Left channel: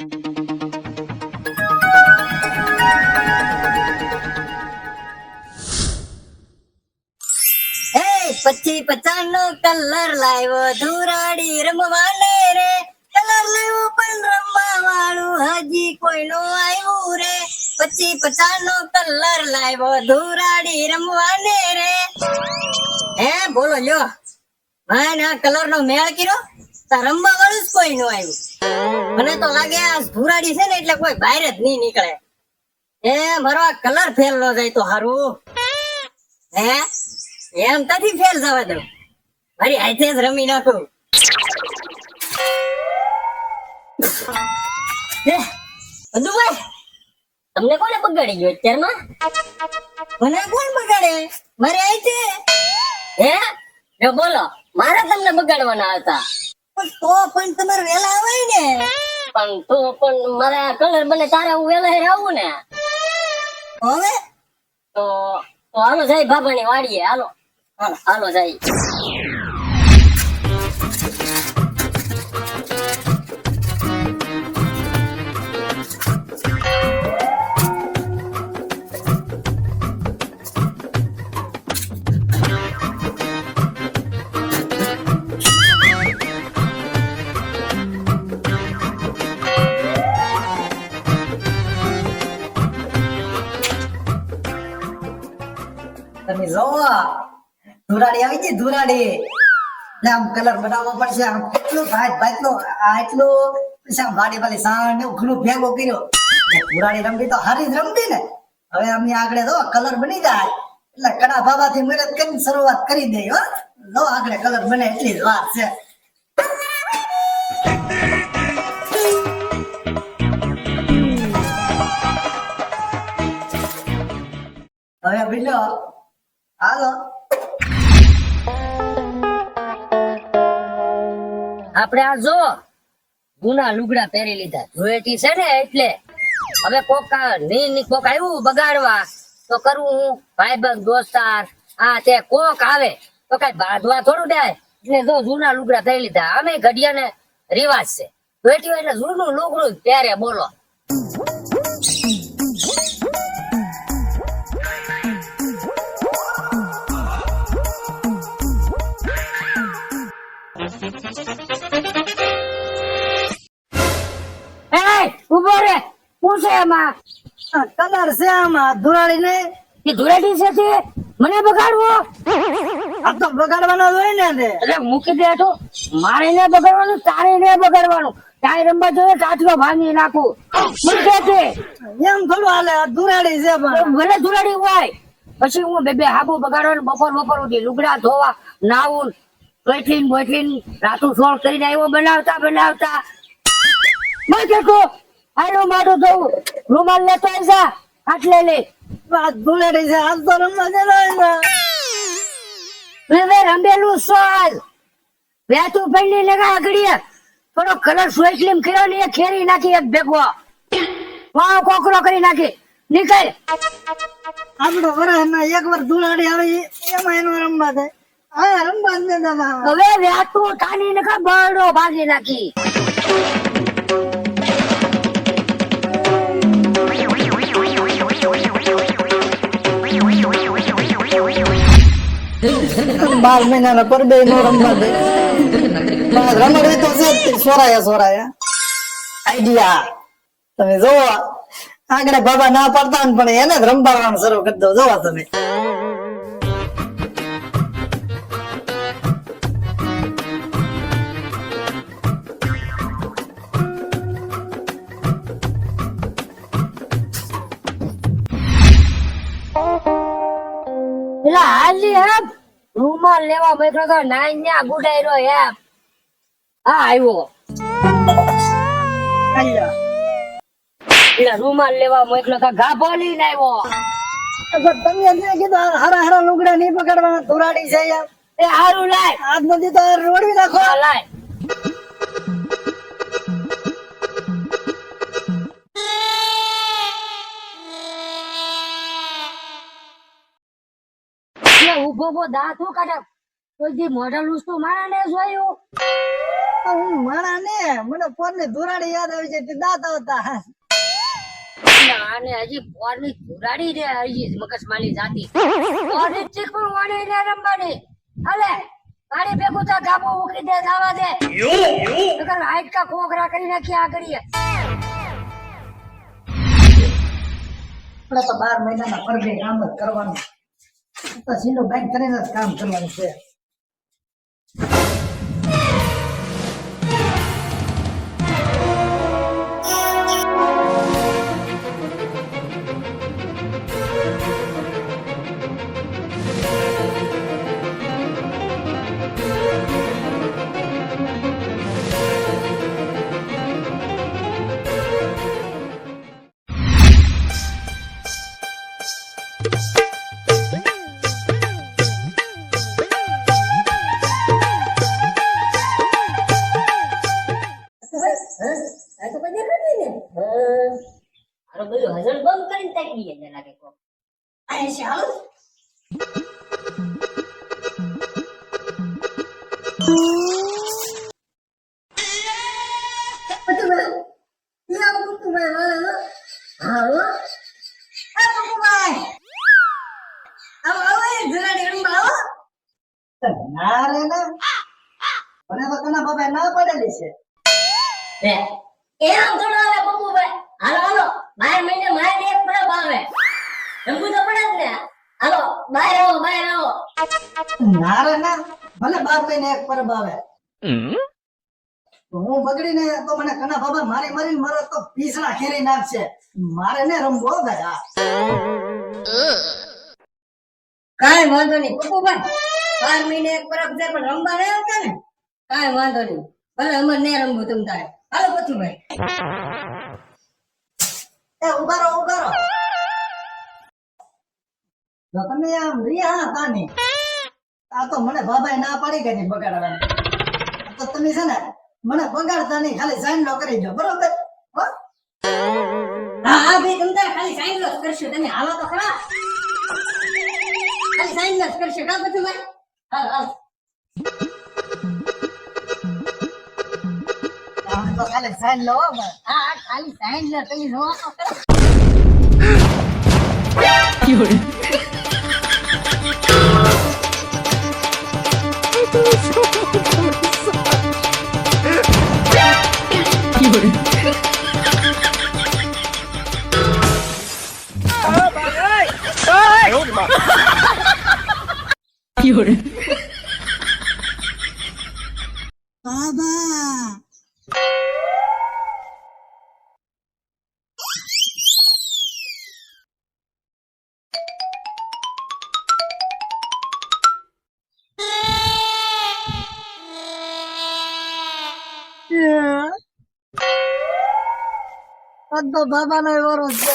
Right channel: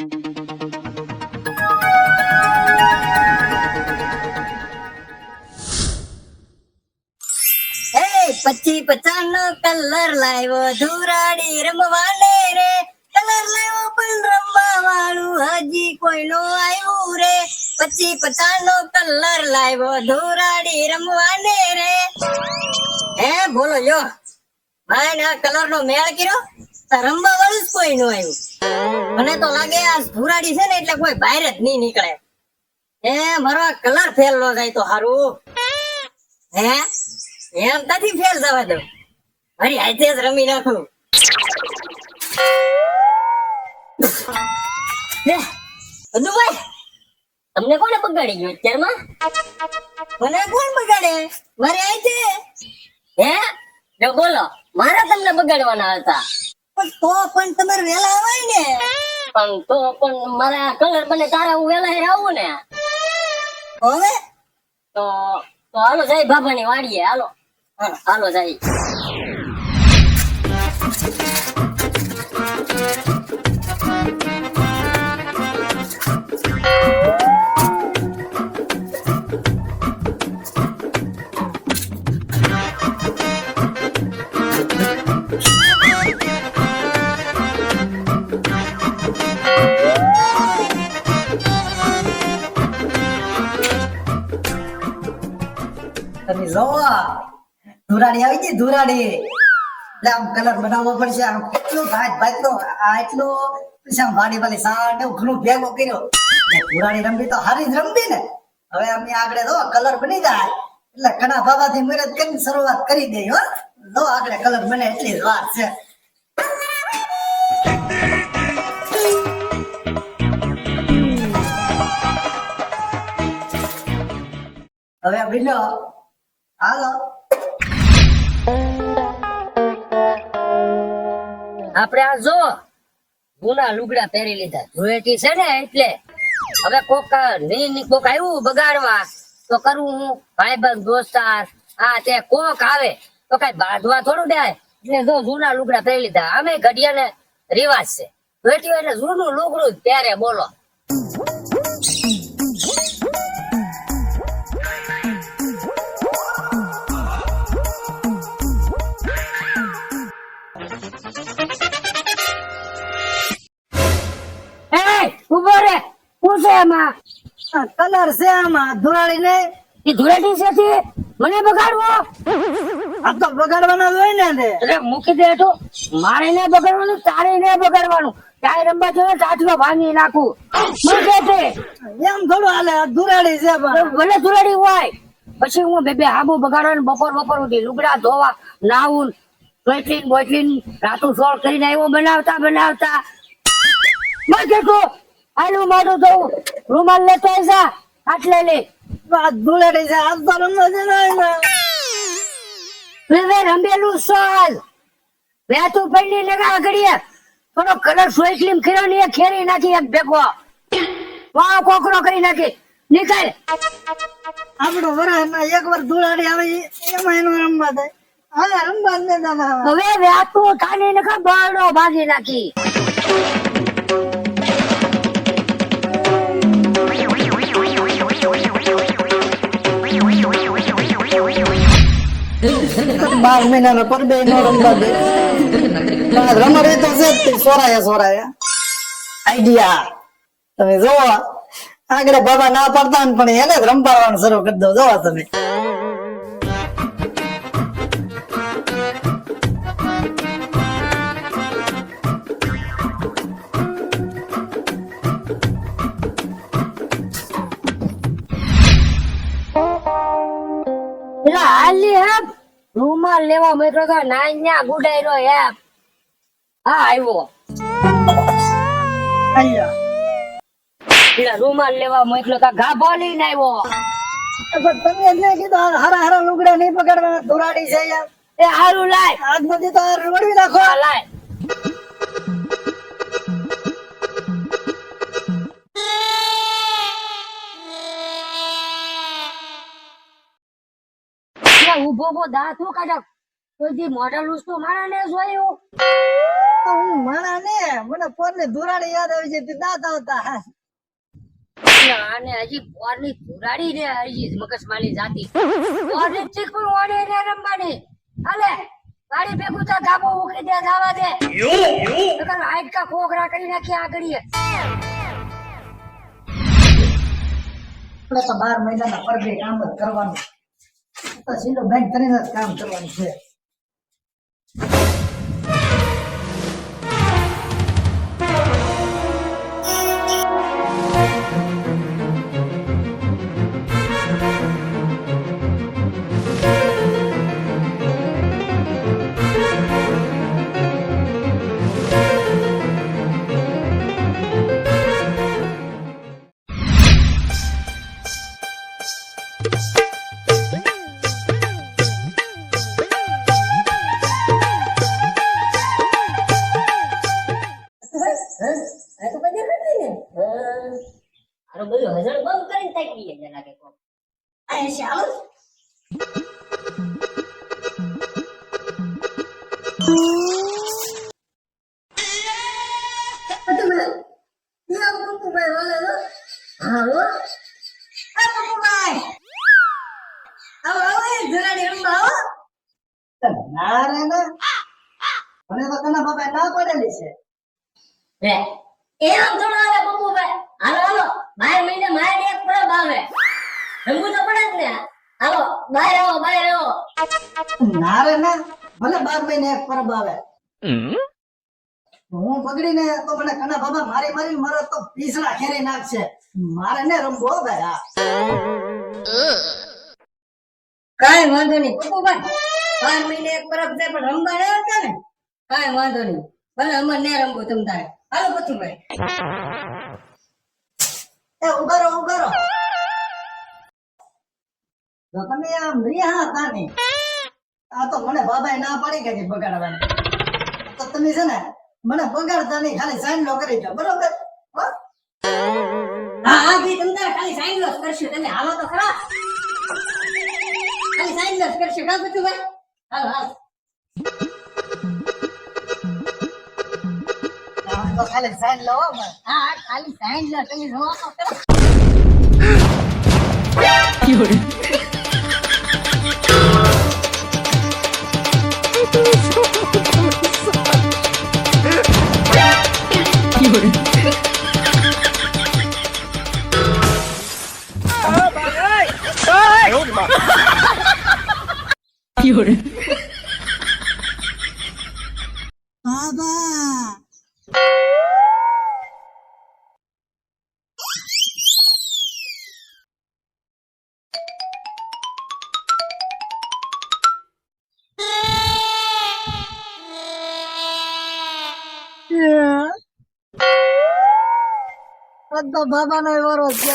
એ પચી પચાસ નો કલર લાવ્યો, ધુરાડી રમવાને રે. કલર લેવો પણ રમવા વાળું હજી કોઈ નો આવ્યું રે. પછી પચાસ નો કલર લાવ્યો, ધુરાડી રમવાને રે. હે, બોલો જો ભાઈ ને કલર નો મેળ કર્યો? તો રમવા વાળું જ કોઈ નું આવ્યું. મને તો લાગે આ ભૂરાડી છે ને એટલે કોઈ બહાર જ નહીં નીકળે. એ મારો કલર ફેલ નો જાય તો હારું. હે? એમ નથી ફેલ જવા દઉં. મારી હાથે જ રમી નાખું. અનુભાઈ તમને કોને બગાડી ગયો અત્યારમાં? મને કોણ બગાડે? મારે હાથે? હે? જો બોલો, મારા તમને બગાડવાના હતા. પણ તો પણ તમારે વેલા આવે ને. પણ તો પણ મારે કલર બને તારે હું વેલા આવું ને? હવે? તો તો હાલો જાય બાબાની વાડીએ હાલો. હાલો, હાલો જાય. ધુરાડી આવી ગઈ, ધુરાડી. આમ કલર બનાવવો પડશે, આમ કેટલું ભાત ભાતનું આટલું પછી આમ વાડી વાળી સાણ ને ઘણું ભેગો કર્યો. ધુરાડી રમવી તો હારી જ રમવી ને. હવે આમની આગળ જો કલર બની જાય. એટલે કડા બાબાથી મહેનત કરીને શરૂઆત કરી દઈ હો. જો આગળ કલર બને એટલી જ વાર છે. હવે બીજો, હાલો. આપણે આ જો જૂના લુગડા પહેરી લીધા. ધૂળેટી છે ને એટલે હવે કોકની કોક આવ્યું બગાડવા, તો કરવું હું ભાઈબંધ, દોસ્તાર, આ તે કોક આવે, તો કઈ બાંધવા થોડું દે એટલે જો જૂના લુગડા પહેરી લીધા. અમે ઘડિયા ને રિવાજ છે. હોય એટલે જૂનું લુગડું જ પહેરે બોલો. એમાં કલર છે આમાં ધુરાડી ને એ ધુરાડી છે તે? મને બગાડવો? આ તો બગાડવાનો હોય ને એટલે મૂકી દે તો મારે ને બગાડવાનું તારે ને બગાડવાનું. ટાઈ નંબર જોવે કાચમાં ભાંગી નાખું. મૂકે તે. એમ થોડું હાલે ધુરાડી છે પણ. ભલે ધુરાડી હોય પછી હું બે બે હાબુ બગાડવાનું બપોર બપોર ઉઠી લુગડા ધોવા નાવું બોટલીન બોટલીન રાતું સોળ કરીને આવ્યો બનાવતા બનાવતા. મૂકે તો. આનું મારું જોવું રૂમાલ લેતો જા આટલે લે. આ ધુરાડી છે આજ તો રમવા જણાય ને. હવે રમેલું સાલ. બે તું પહેલી લગા આગળ થોડો કલર સ્વેટલીમ કર્યો ને ખેરી નાખી એક ભેગો. વાહ કોકરો કરી નાખી. નીકળ. આપણું વરસમાં એક વાર ધુળાડી આવી એમાં એનું રમવા થાય હા રમવા જ દાદા હવે વ્યાતું ઠાની ને બરડો ભાગી નાખી. બાર મહિનાના પર બે દે તો છે સોરાયા સોરાયા આઈડિયા. તમે જોવો. આગળ બાબા ના પાડતા પણ એને જ રંભાડવાનું શરૂ કરી દો. જોવા તમે. રૂમાલ લેવા મેં તો ના ન્યા ગુડાયરો હેપ હા આવ્યો. રૂમાલ લેવા મોકલો કા ગાભો લઈને આવ્યો તમે કીધું હરા હારા લુગડા નહીં પકડવાના ધુરાડી છે યાર. એ હારું લાય. આજ નથી તો રોડી નાખો. લાય. ઊભો ઊભો દાંત હું કાઢા. તો જે મોઢા લૂસતો મારા ને જોયું હું માણા ને? મને પોર ને ધુરાડી યાદ આવી છે તે દાંત આવતા અને હજી બોરની ધુરાડી રે હજી મગજ માલી જાતી. બોરની ચીક પણ ઓડે રે રમવાની. હાલે મારી ભેગું તો ધાબો ઉકળી દે જાવા દે. નકર હાઈટ કા ખોખરા કરી નાખી આગળ આપણે તો બાર મહિનાના પરગે કામ જ કરવાનું. સીધો બેંક કરીને જ કામ કરવાનું છે. હારો બધું હજળ બંધ કરીને તાકી ગયા લાગે કોક. આ શ્યામ. ના રે ના મને તો કના બાપા ના પડેલી છે લે એમ થોડું બબુભાઈ હાલો હાલો. બાર મહિને મારે એક પરબ આવે. રમવું તો પડે જ ને. હાલો બહાર આવો બહાર આવો. નારા ના. ભલે બાર મહિને એક પરબ આવે. હું બગડીને તો મને કના બાબા મારી મારી મારા તો પીસડા ખેરી નાખશે. મારે ને રમવો ભાઈ હા. વાંધો નહીં. પપ્પુભાઈ બાર મહિને એક પરબ છે પણ રમવા ના હતા ને? કાઈ વાંધો નહીં. ભલે અમર ને રમવું તમ તારે. હાલો પથુભાઈ એ ઉભારો ઉભારો તો તમે આમ રિયા તાની આ તો મને બાબાએ ના પાડી કે બગાડવાની. તો તમે છે ને, મને બગાડતા નહીં, ખાલી સાઈન નો કરી દો, બરોબર? હો? હા ભાઈ, તમ ખાલી સાઈન લોસ કરશું હાલો તો ખરા. ખાલી સાઈન નો કરશું, કા ભાઈ? હાલ, હાલો. આ તો ખાલી સાઈન લો હો આ તો બાબા નો વારો છે.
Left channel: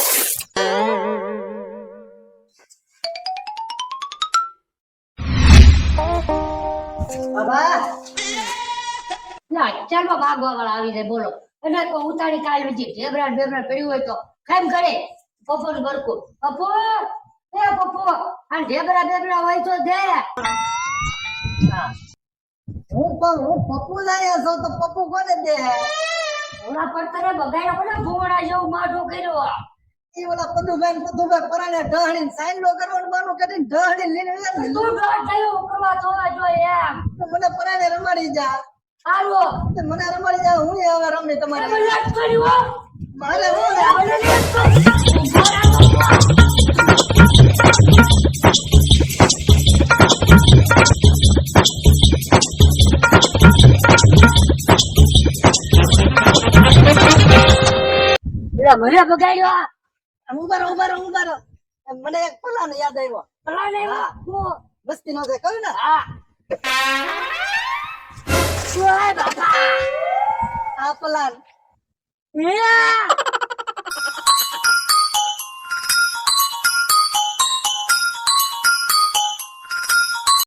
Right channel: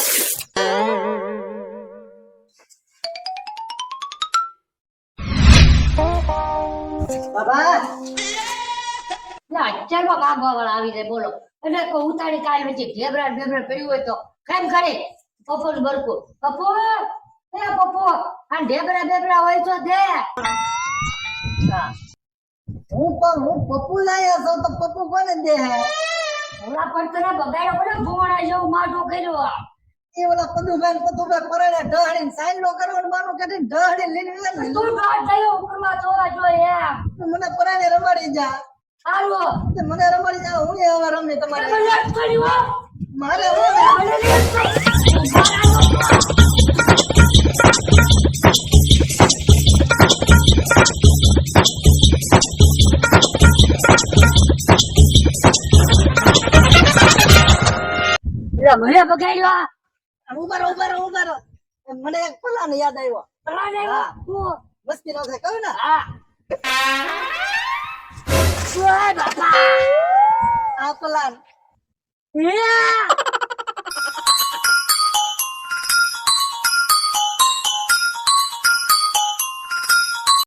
બાબા. લે ભાગવા વાળા આવી જાય બોલો. અને કોઈ ઉતાળી કાલ વચ્ચે ઢેબરા ઢેબરા પડ્યું હોય તો કેમ કરે? પપ્પો ને બરકું. પપ્પો એ પપ્પો આ ઢેબરા બેબરા હોય તો દે. હું. પણ હું પપ્પુ લાયા છો તો પપ્પુ કોને દે? ઓલા પર તને બગાડ્યો પડે ભોળા જેવું માટો કર્યો એ ઓલા પદુભાઈ ને પદુભાઈ પરાણે ઢાળીને સાઈન નો કરવાનું બાનું કરીને ઢાળી લઈને તું ડોટ થયો કરવા જોઈએ એમ. મને પરાણે રમાડી જા. હાલો મને રમાડી જા હું આવા રમી તમારે. તમે મારે હું. એટલે મને બગાડ્યો ઊભા રહો ઊભા રહો ઊભા રહો મને એક પલાન યાદ આવ્યો પેલા ને હા. હું મસ્તી નો છે કહ્યું ને હા ઓય બાપા આ પલાન Yeah!